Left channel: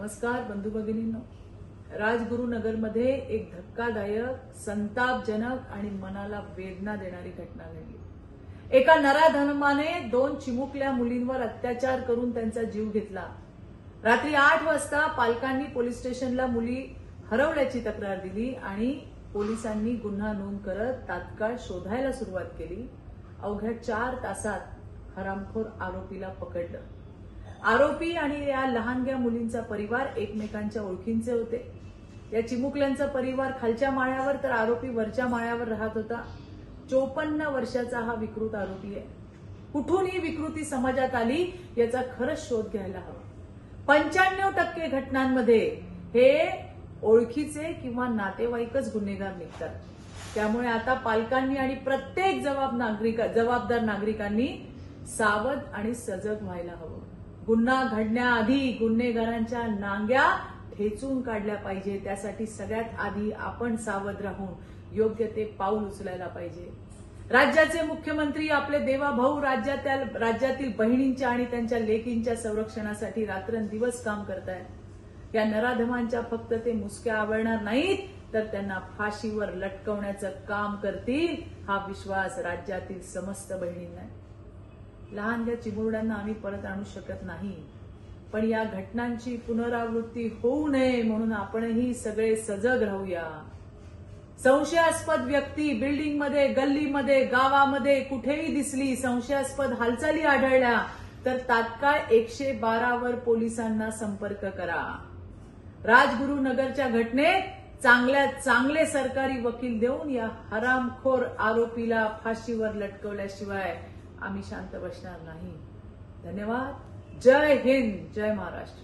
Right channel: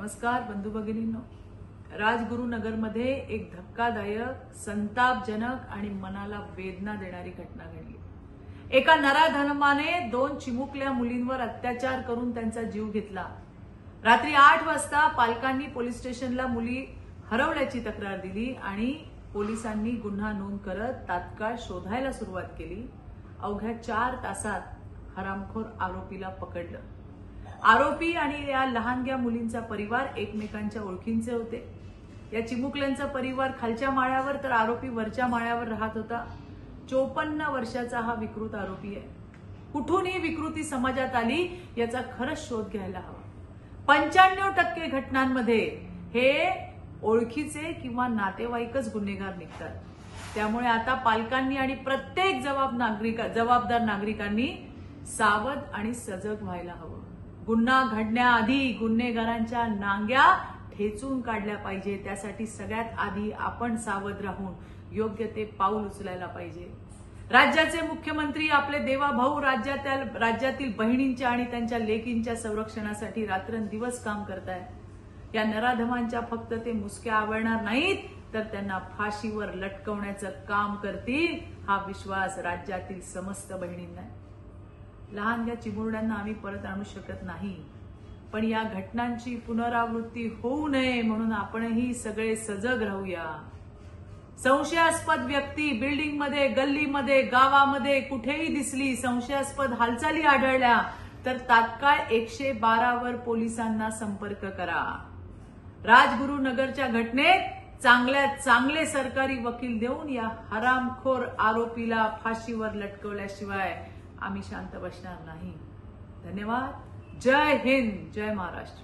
नमस्कार बंधू भगिनींनो, राजगुरुनगरमध्ये एक धक्कादायक, संतापजनक आणि मनाला वेदना देणारी घटना घडली। एका नराधमाने 2 चिमुकल्या मुलींवर अत्याचार करून त्यांचा जीव घेतला। रात्री 8 वाजता पालकांनी पोलीस स्टेशनला मुली हरवल्याची तक्रार दिली आणि पोलिसांनी गुन्हा नोंद करत तात्काळ शोधायला सुरुवात केली। अवघ्या 4 तासात हरामखोर आरोपीला पकडलं। आरोपी आणि या लहानग्या मुलींचा परिवार एकमेकांच्या ओळखींचे होते। या चिमुकल्यांचा परिवार खालच्या माळ्यावर तर आरोपी वरच्या माळ्यावर राहत होता। 54 वर्षाचा हा विकृत आरोपी आहे। कुठून ही विकृती समाजात आली याचा खरंच शोध घ्यायला हवा। 95% घटनांमध्ये हे ओळखीचे किंवा नातेवाईकच गुन्हेगार निघतात। त्यामुळे आता पालकांनी आणि प्रत्येक जबाबदार नागरिकांनी सावध आणि सजग व्हायला हवं। गुन्हा घडण्याआधी गुन्हेगारांच्या नांग्या ठेचून काढल्या पाहिजे। त्यासाठी सगळ्यात आधी आपण सावध राहून योग्य ते पाऊल उचलायला पाहिजे। राज्याचे मुख्यमंत्री आपले देवाभाऊ राज्यातील बहिणींच्या आणि त्यांच्या लेकींच्या संरक्षणासाठी रात्रंदिवस काम करतायत। या नराधमांच्या फक्त ते मुसक्या आवळणार नाहीत तर त्यांना फाशीवर लटकवण्याचं काम करतील, हा विश्वास राज्यातील समस्त बहिणींना आहे। लहानग्या चिमुरड्यांना आम्ही परत आणू शकत नाही, पण या घटनांची पुनरावृत्ती होऊ नये म्हणून आपणही सगळे सजग राहूया। संशयास्पद व्यक्ती बिल्डिंगमध्ये, गल्लीमध्ये, गावामध्ये कुठेही दिसली, संशयास्पद हालचाली आढळल्या तर तात्काळ 112 वर पोलिसांना संपर्क करा। राजगुरुनगरच्या घटनेत चांगले सरकारी वकील देऊन या हरामखोर आरोपीला फाशीवर लटकवल्याशिवाय आम्ही शांत बसणार नाही। धन्यवाद। जय हिंद, जय महाराष्ट्र।